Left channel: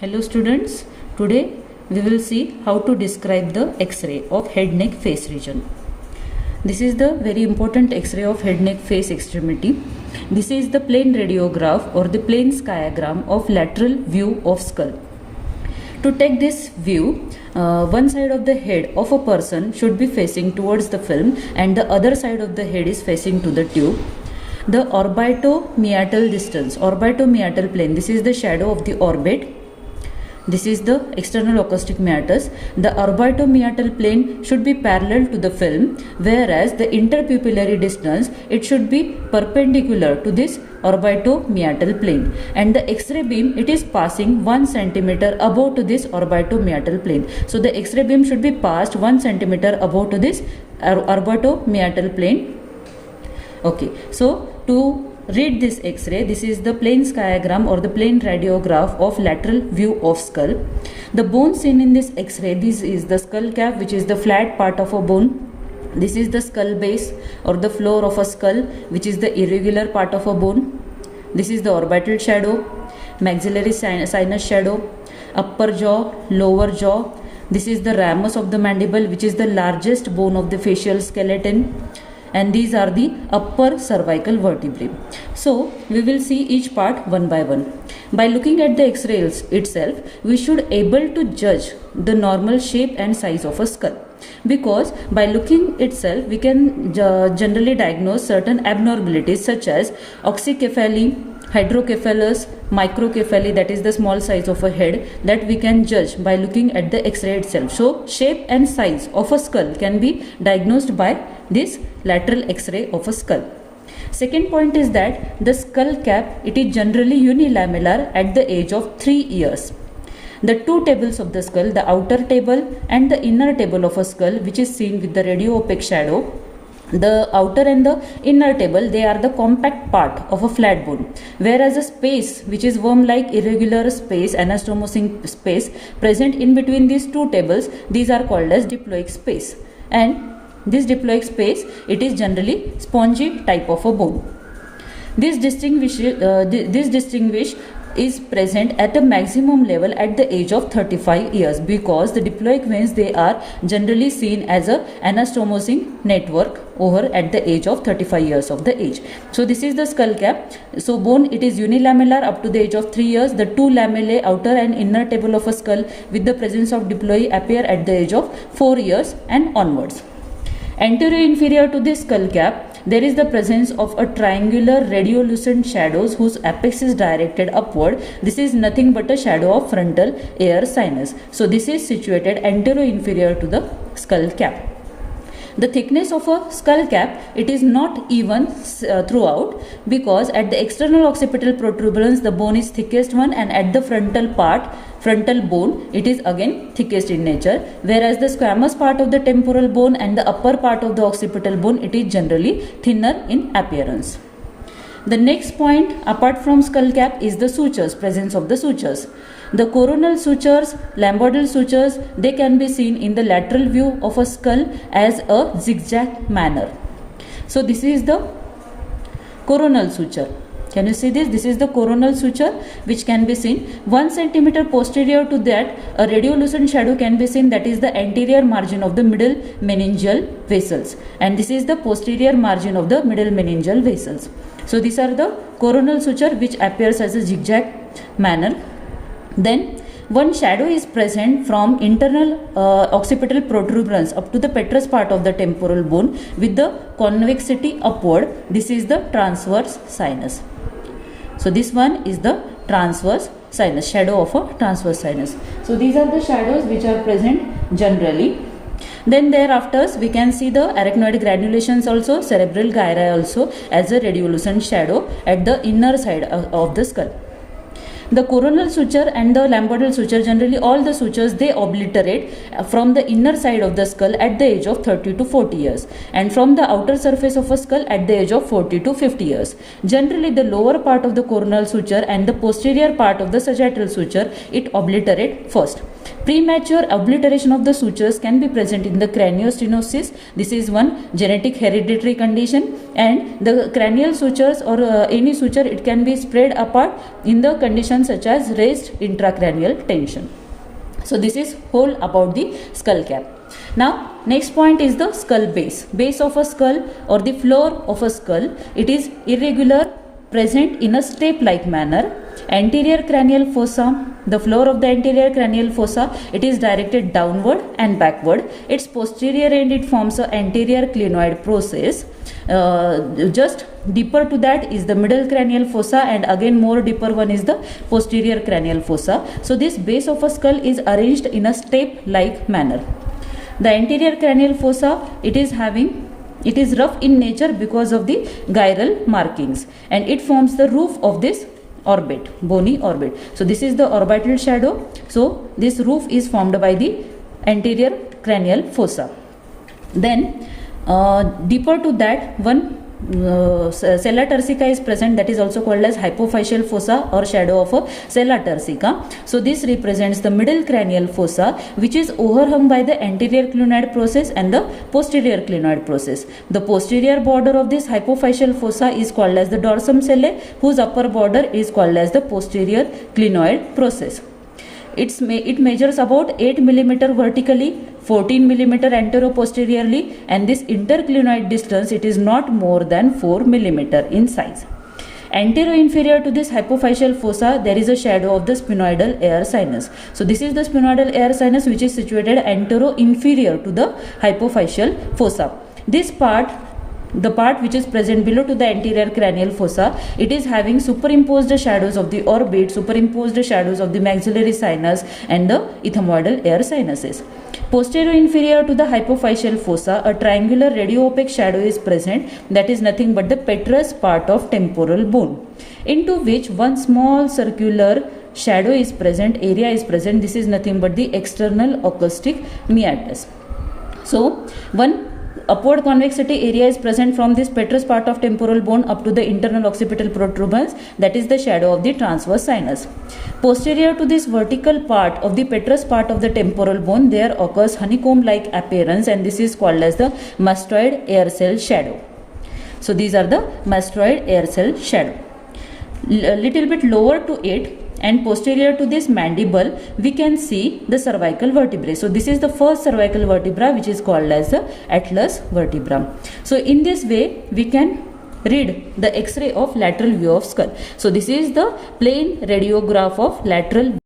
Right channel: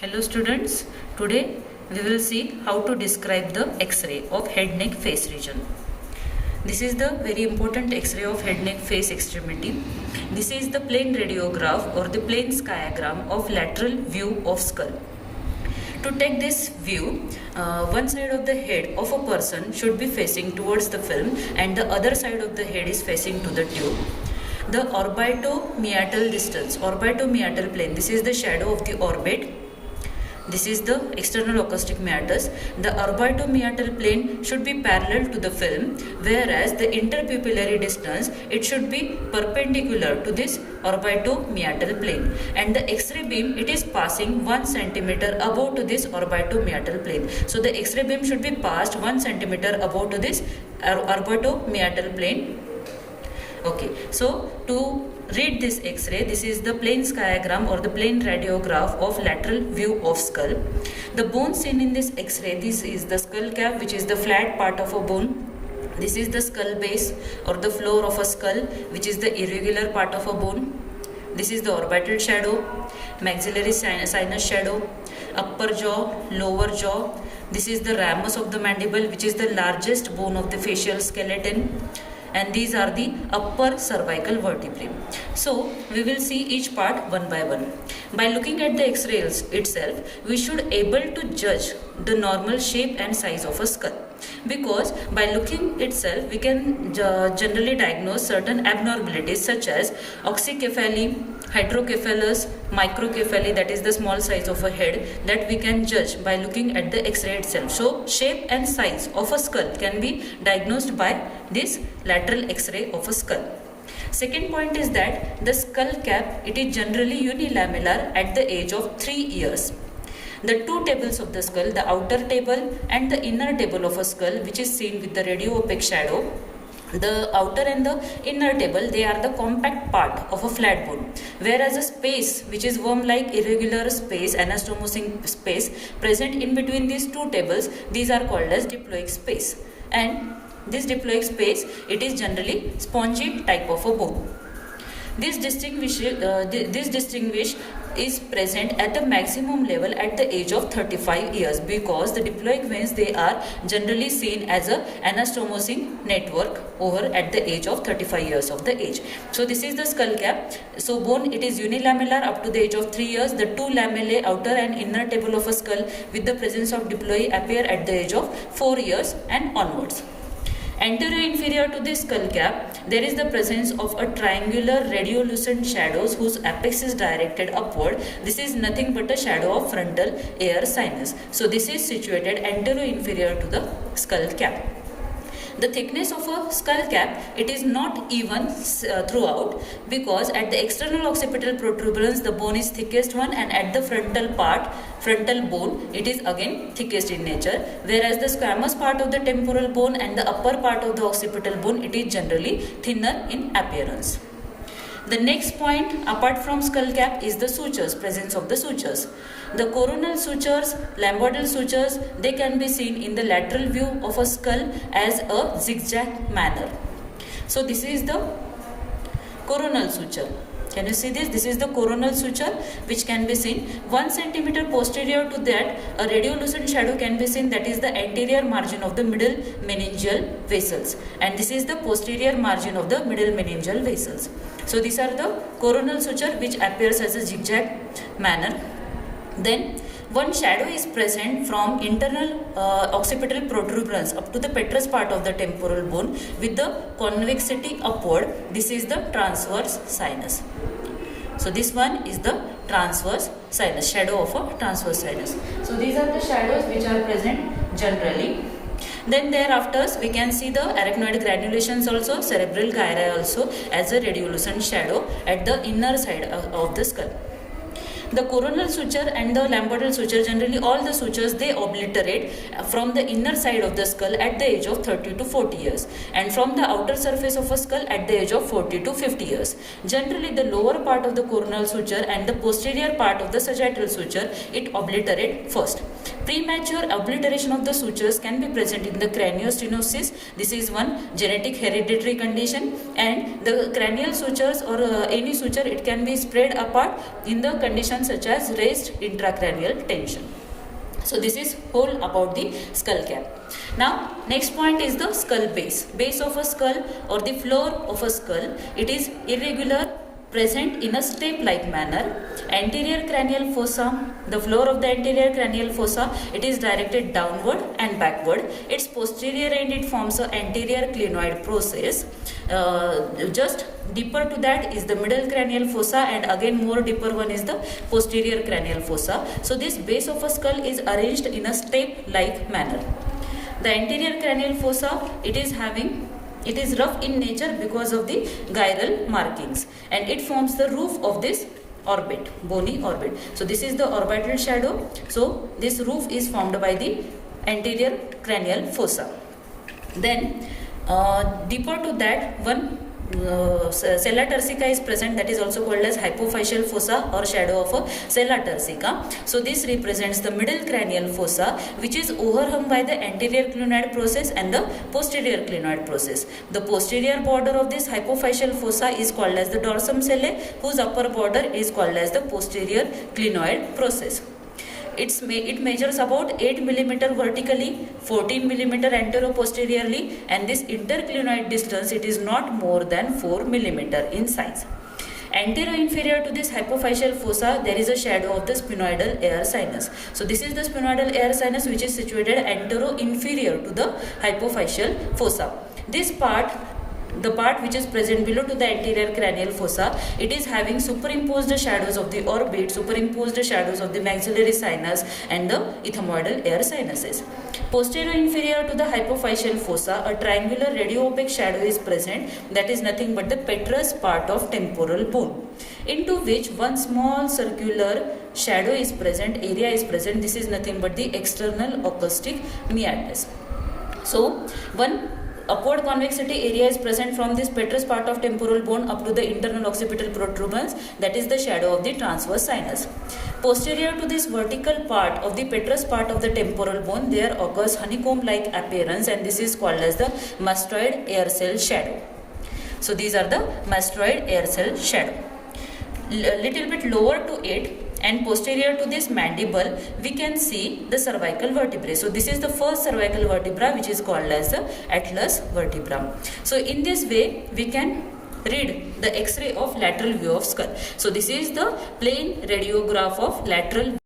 Hello students, today we will see how to describe the X-ray of head neck face region. This is the very important X-ray of head neck face extremity. This is the plane radiograph or the plane skiagram of lateral view of skull. To take this view, one side of the head of a person should be facing towards the film and the other side of the head is facing to the tube. The orbitomeatal distance, orbitomeatal plane, this is the shadow of the orbit. This is the external acoustic meatus. The orbitomeatal plane should be parallel to the film, whereas the interpupillary distance, it should be perpendicular to this orbitomeatal plane. And the X-ray beam, it is passing 1 centimeter above to this orbitomeatal plane. So the X-ray beam should be passed 1 centimeter above to this orbitomeatal plane. Okay, so to read this X-ray, this is the plane skiagram or the plane radiograph of lateral view of skull. The bone seen in this X-ray, this is the skull cap, which is the flat part of a bone. This is the skull base or the floor of a skull, which is the irregular part of a bone. This is the orbital shadow, maxillary sinus shadow, upper jaw, lower jaw. This is the ramus of the mandible, which is the largest bone of the facial skeleton. And these are the upper cervical vertebrae. So we will see each part one by one. By looking at the X-rays itself, we should able to judge the normal shape and size of a skull, because by looking itself we can generally diagnose certain abnormalities such as oxycephaly, hydrocephalus, microcephaly, that is the small size of a head, that we can judge by looking at the X-ray itself. So shape and size of a skull can be diagnosed by this lateral X-ray of a skull. Second point is that the skull cap, it is generally unilamellar at the age of 3 years. The two tables of the skull, the outer table and the inner table of a skull, which is seen with the radio-opaque shadow, the outer and the inner table, they are the compact part of a flat bone, whereas a space which is worm-like irregular space, anastomosing space present in between these two tables, these are called as diploic space. And this diploic space, it is generally spongy type of a bone. This distinguish is present at the maximum level at the age of 35 years, because the diploic veins, they are generally seen as a anastomosing network over at the age of 35 years of the age. So this is the skull cap. So bone, it is unilamellar up to the age of 3 years. The two lamellae, outer and inner table of a skull with the presence of diploi, appear at the age of 4 years and onwards. Anterior inferior to this skull cap, there is the presence of a triangular radiolucent shadows whose apex is directed upward. This is nothing but a shadow of frontal air sinus. So this is situated anterior inferior to the skull cap. The thickness of a skull cap, it is not even throughout, because at the external occipital protuberance the bone is thickest one, and at the frontal part, frontal bone, it is again thickest in nature, whereas the squamous part of the temporal bone and the upper part of the occipital bone, it is generally thinner in appearance. The next point apart from skull cap is the sutures, presence of the sutures. The coronal sutures, lambodal sutures, they can be seen in the lateral view of a skull as a zigzag manner. So this is the coronal suture. Can you see this? This is the coronal suture which can be seen. 1 centimeter posterior to that, a radiolucent shadow can be seen, that is the anterior margin of the middle meningeal vessels. And this is the posterior margin of the middle meningeal vessels. So these are the coronal suture which appears as a zigzag manner. Then one shadow is present from internal occipital protuberance up to the petrous part of the temporal bone with the convexity upward. This is the transverse sinus. So this one is the transverse sinus, shadow of a transverse sinus. So these are the shadows which are present generally. Then thereafter we can see the arachnoid granulations also, cerebral gyri also as a radiolucent shadow at the inner side of the skull. The coronal suture and the lambodal suture, generally all the sutures, they obliterate from the inner side of the skull at the age of 30 to 40 years, and from the outer surface of a skull at the age of 40 to 50 years. Generally the lower part of the coronal suture and the posterior part of the sagittal suture, it obliterate first. Premature obliteration of the sutures can be present in the craniostenosis. This is one genetic hereditary condition, and the cranial sutures or any suture, it can be spread apart in the conditions such as raised intracranial tension. So this is whole about the skull cap. Now next point is the skull base. Base of a skull or the floor of a skull, it is irregular, present in a step-like manner. Anterior cranial fossa, the floor of the anterior cranial fossa, it is directed downward and backward. Its posterior end, it forms an anterior clinoid process. Just deeper to that is the middle cranial fossa, and again more deeper one is the posterior cranial fossa. So this base of a skull is arranged in a step-like manner. The anterior cranial fossa, it is rough in nature because of the gyral markings, and it forms the roof of this orbit, bony orbit. So this is the orbital shadow. So this roof is formed by the anterior cranial fossa. Then deeper to that, one sella turcica is present, that is also called as hypophyseal fossa or shadow of a sella turcica. So this represents the middle cranial fossa, which is overhung by the anterior clinoid process and the posterior clinoid process. The posterior border of this hypophyseal fossa is called as the dorsum sellae, whose upper border is called as the posterior clinoid process. It measures about 8 mm vertically, 14 mm anteroposteriorly, and this interclinoid distance, it is not more than 4 mm in size. Anterior-inferior to this hypophyseal fossa, there is a shadow of the sphenoidal air sinus. So this is the sphenoidal air sinus, which is situated antero-inferior to the hypophyseal fossa. This part, the part which is present below to the anterior cranial fossa, it is having superimposed shadows of the orbit, superimposed shadows of the maxillary sinus and the ethmoidal air sinuses. Posterior inferior to the hypophyseal fossa, a triangular radio-opaque shadow is present, that is nothing but the petrous part of temporal bone, into which one small circular shadow is present, area is present. This is nothing but the external acoustic meatus. So one upward convexity area is present from this petrous part of temporal bone up to the internal occipital protuberance, that is the shadow of the transverse sinus. Posterior to this vertical part of the petrous part of the temporal bone, there occurs honeycomb-like appearance, and this is called as the mastoid air cell shadow. So these are the mastoid air cell shadow. Little bit lower to it and posterior to this mandible, we can see the cervical vertebrae. So this is the first cervical vertebra, which is called as the atlas vertebra. So in this way, we can read the X-ray of lateral view of skull. So this is the plain radiograph of lateral